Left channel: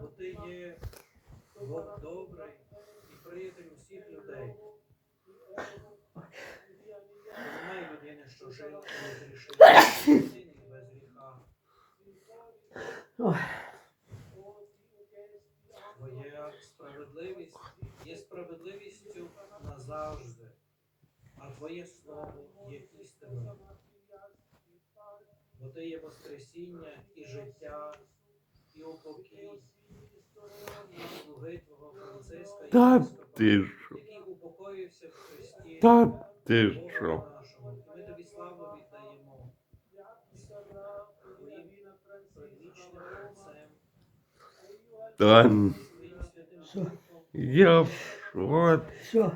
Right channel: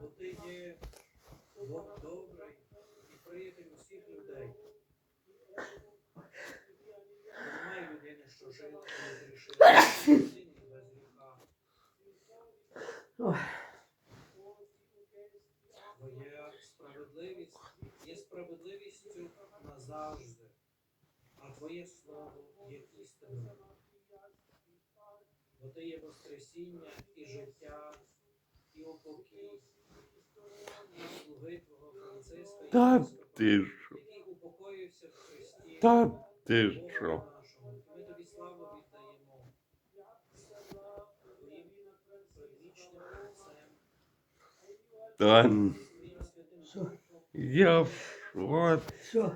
бо ти є Бог добрий і приятель усіх людей. Немає людини, що жив і зрішив син без гріха. Твоя справедливість є справедливістю назавжди, а Твоє слово є істиною. Бо ти є Воскресіння і життя, і упокій, Та ти що? Та ти що? ми тобі славу віддаємо. Та я в шоці. Що?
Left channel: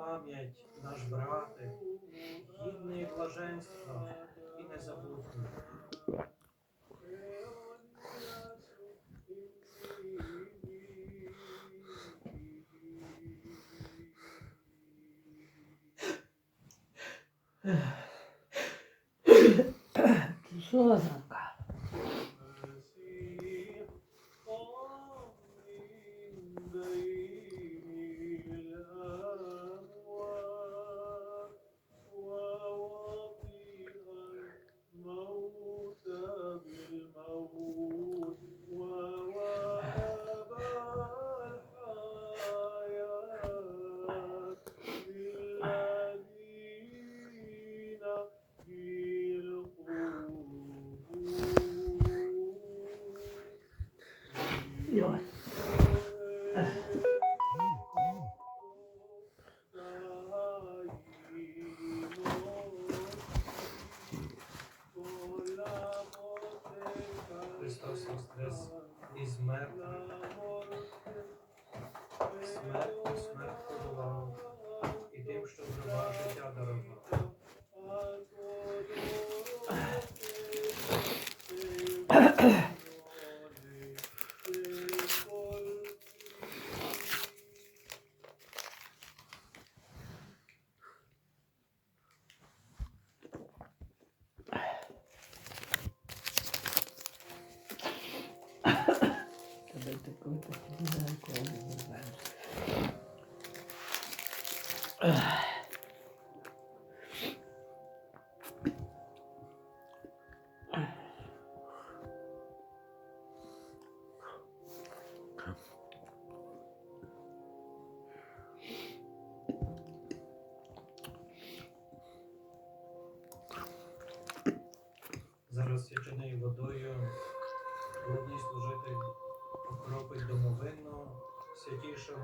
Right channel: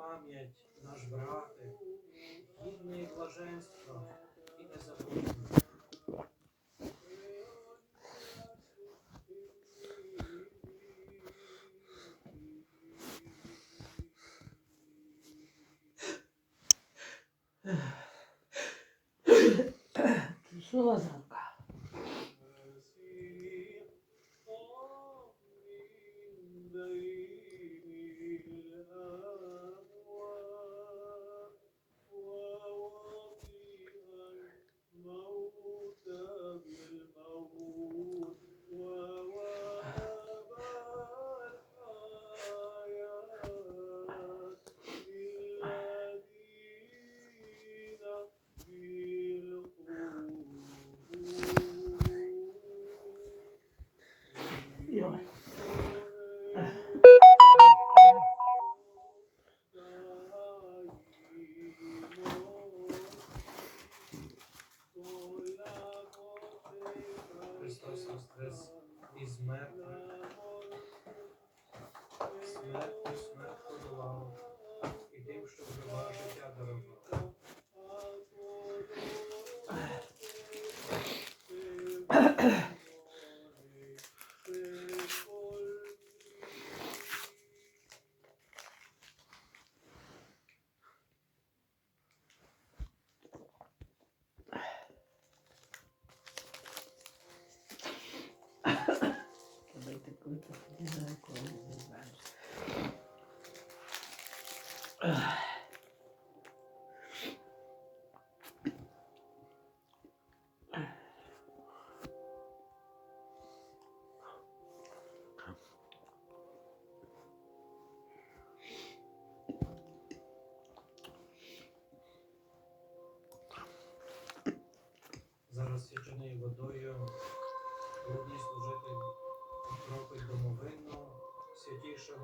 Пам'ять, наш брате, гідний блаженства і незабутній. Що Лазанка?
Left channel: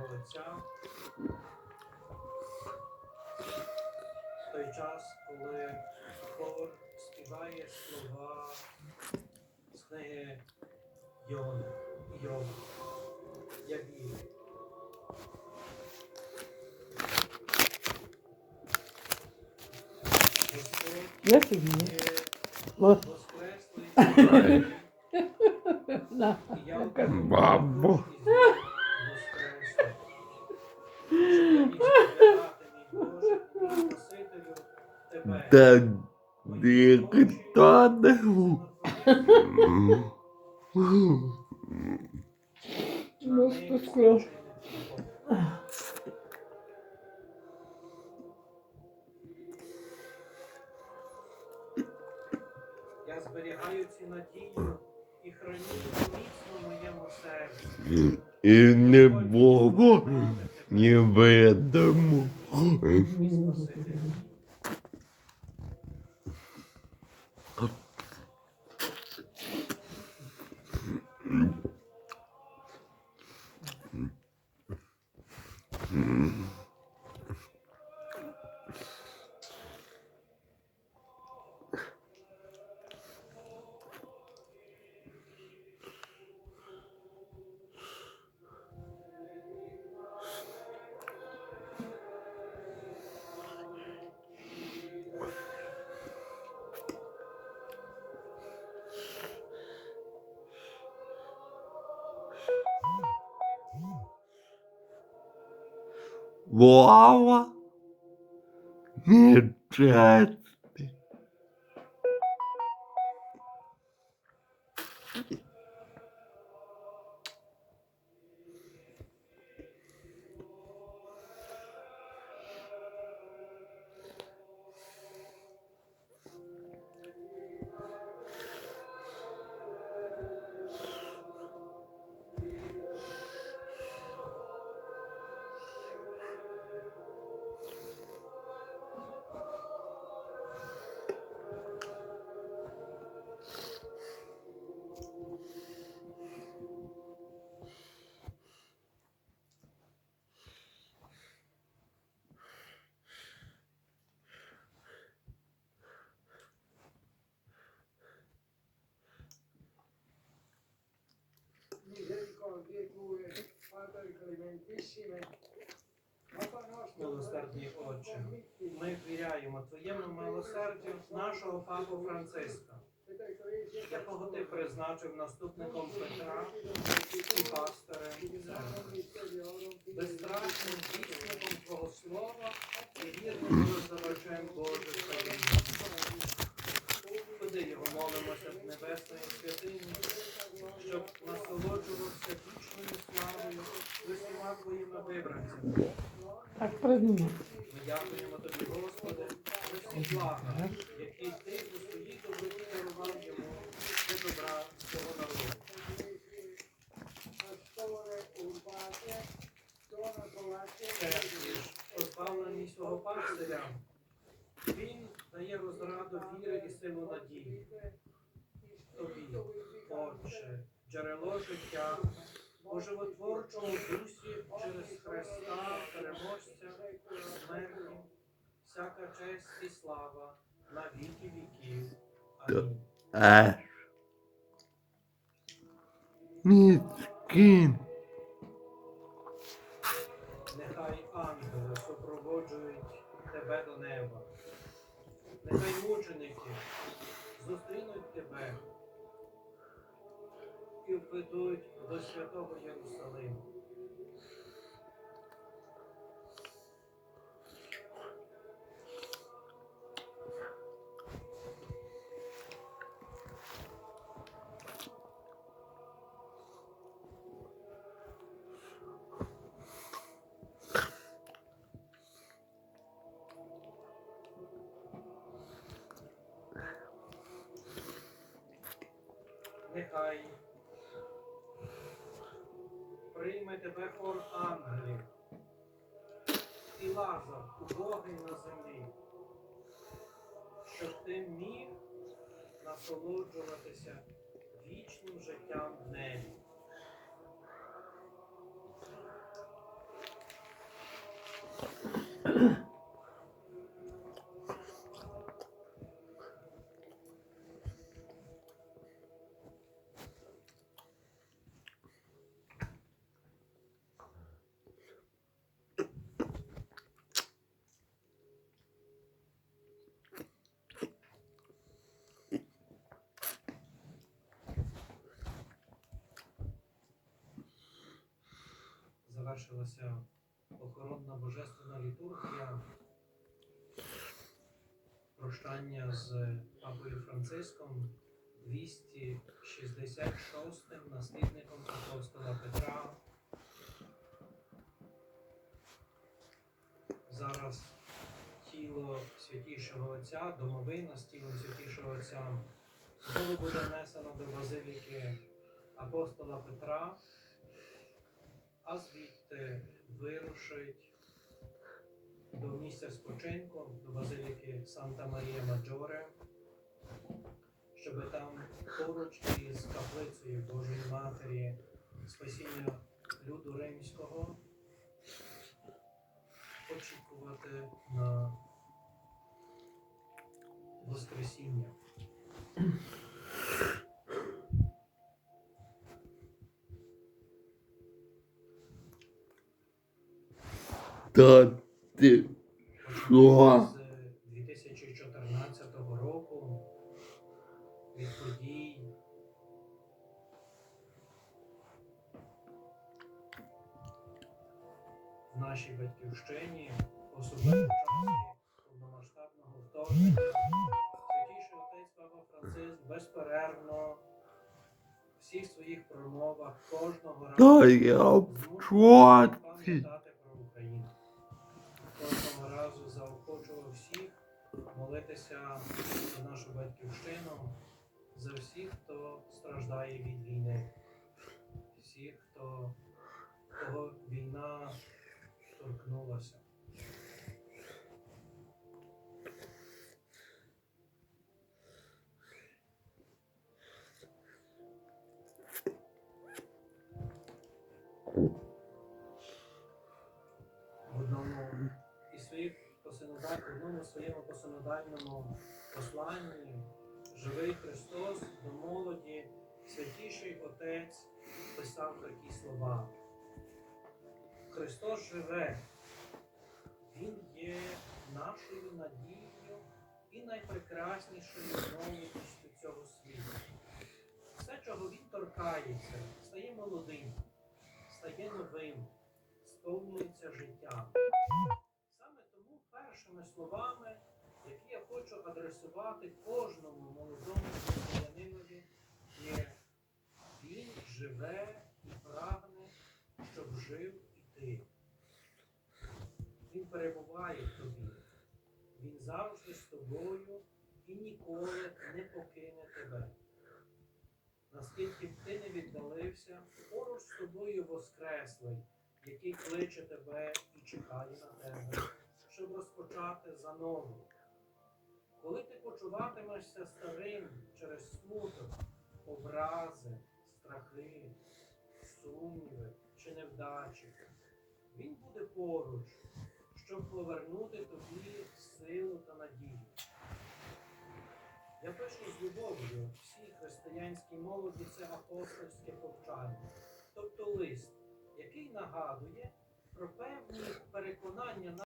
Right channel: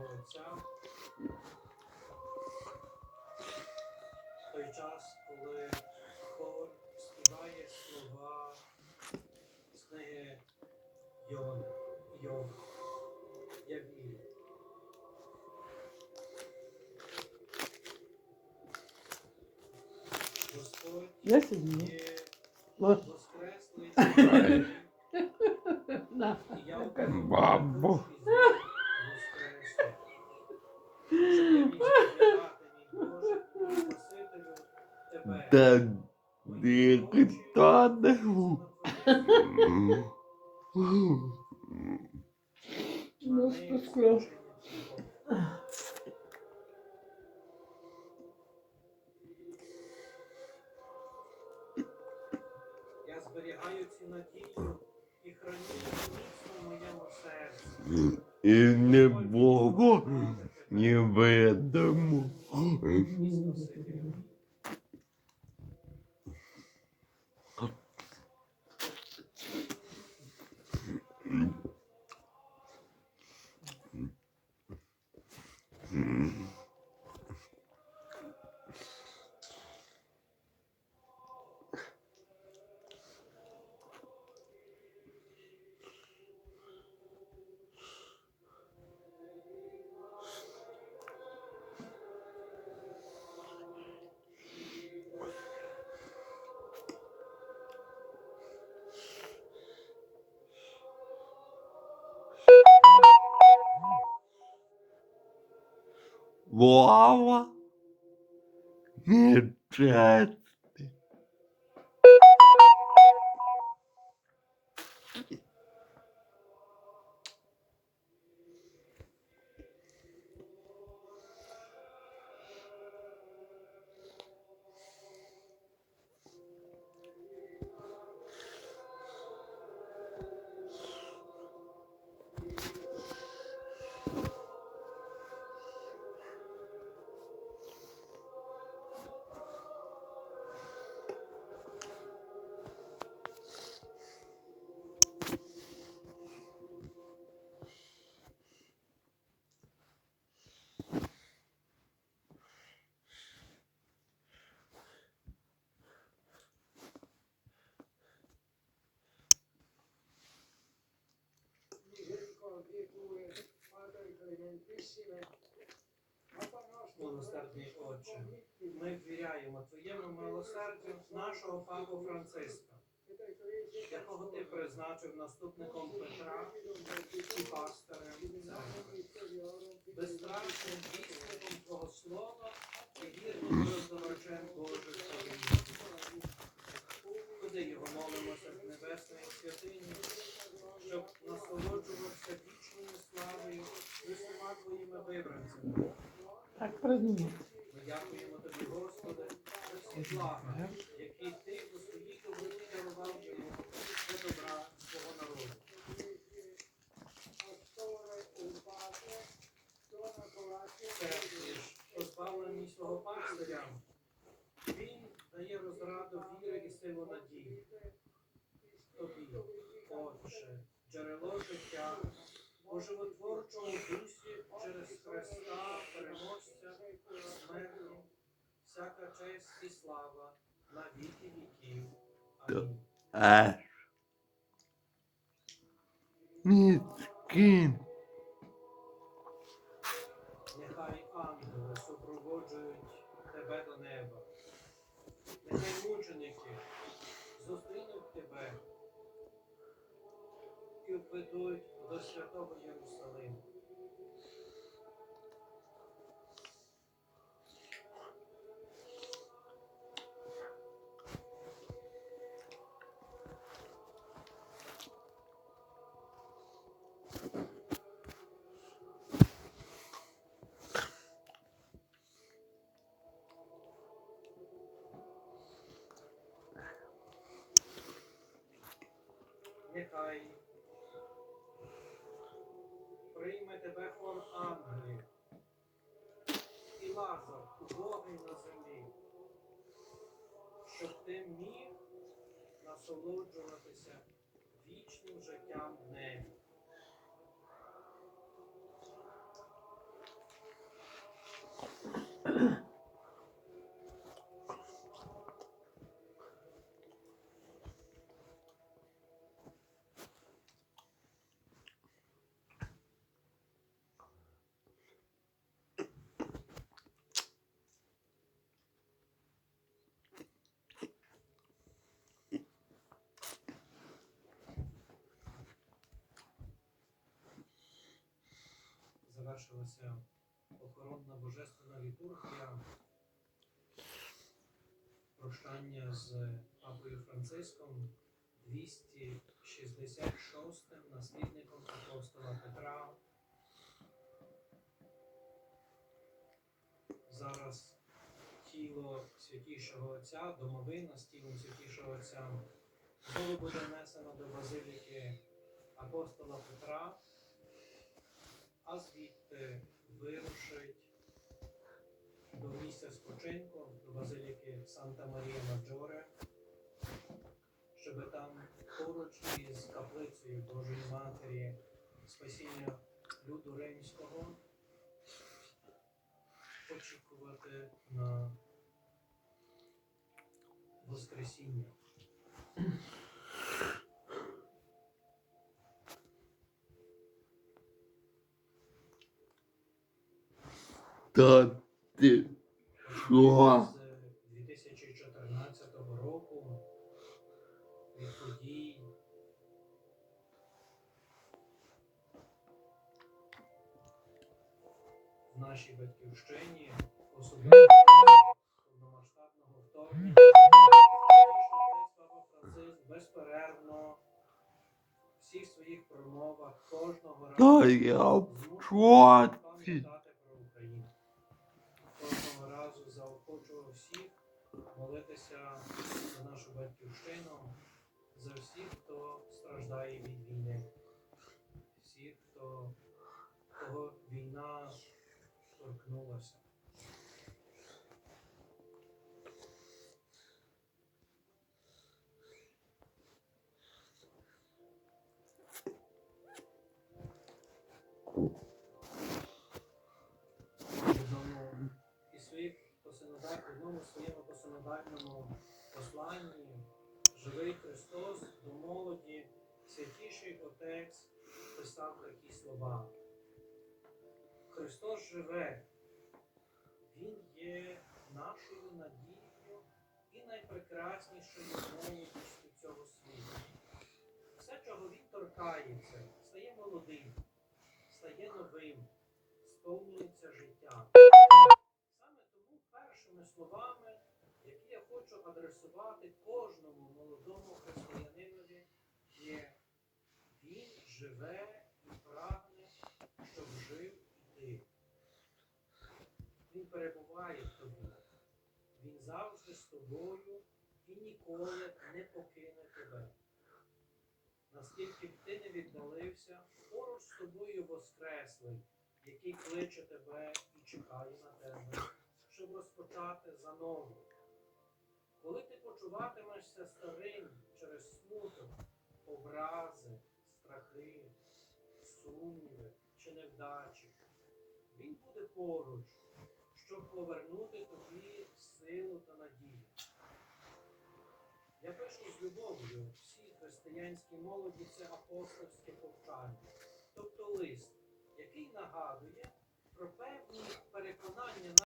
Святішого Отця. В той час, коли хор співає слова з книги Йона, Йова, я вірю. Я фігня. воскреслий. І я Бабо. Та ніхто не Ну, спаскло. Я зберігаю цю надію і храню її міцно в моєму серці. І не було Невидимо. 娃娃你真 Милосердний Отче, ми ввіряємо Твоєму милосердю нашого Папу Франциска, якого ти призначив наступником Петра і пастирем церкви, безстрашним вісником Твого Слова і вірним роздавачем Божих таємниць. Куди його молимося Так придумав. Ми тобі, Господи, за всі блага, ти у своїй доброті дарував йому добра свого народу. Це свого пастиря. Він дає розраду віри і силу надії. Тобі, Отче, джерело життя, у животворчому дусі через Христа, переможця, смерті, всяка честь і слава на віки віків. Амінь. Аж. Міцкін. Нехай ангели супроводжують тебе до неба. Нехай мученики зустрінуть тебе і до святого Єрусалиму. Прийме тебе хор ангелів і лазар убогий на землі, щоб ти міг насолоджуватися вічним життям в небі. Завершилася охоронна божественна літургія, прощання з папою Франциском, 266 наслідником апостола Петра. Зараз тіло святішого Отця, домовина з тілом святішого Отця знову буде внесено до базиліки апостола Петра а звідти вирушить до місця спочинку, до базиліки Санта Марія Маджоре, щоб там поруч із каплицею Божої Матері спасіння люду римського очікувати на Воскресіння. Та ти що? з 2014 року від подій. в нашій батьківщині, особливо повномасштабного вторгнення. Папа Франциск безперервно в всіх своїх промовах кожного разу молитися за нашу батьківщину, за всіх, хто страждає від війни, всіх, хто кого війна торкнулася. в посинода- в одному своєму посинодальному посланні живий Христос до молоді, святіший Отець писав такі слова. Христос живе, Він є нашою надією і найпрекраснішою молодістю цього світу. Все, чого він торкається, стає молодим, стає новим, сповнюється життям. Першими словами, які я хочу адресувати кожному молодому християнинові, є Він живе і прагне, щоб жив і ти. Він перебуває в тобі. Він завжди з тобою і ніколи не покине тебе. Наскільки б ти не віддалився, поруч з тобою воскреслий, який кличе тебе і чекає на тебе, щоб розпочати заново. Коли ти почуватимешся старим через смуток, образи, страхи, сумніви чи невдачі, він буде поруч, щоб повернути тобі силу та надію. Я пишу з любов'ю всій християнській молоді це апостольське повчання, тобто лист, який нагадує про певні переконання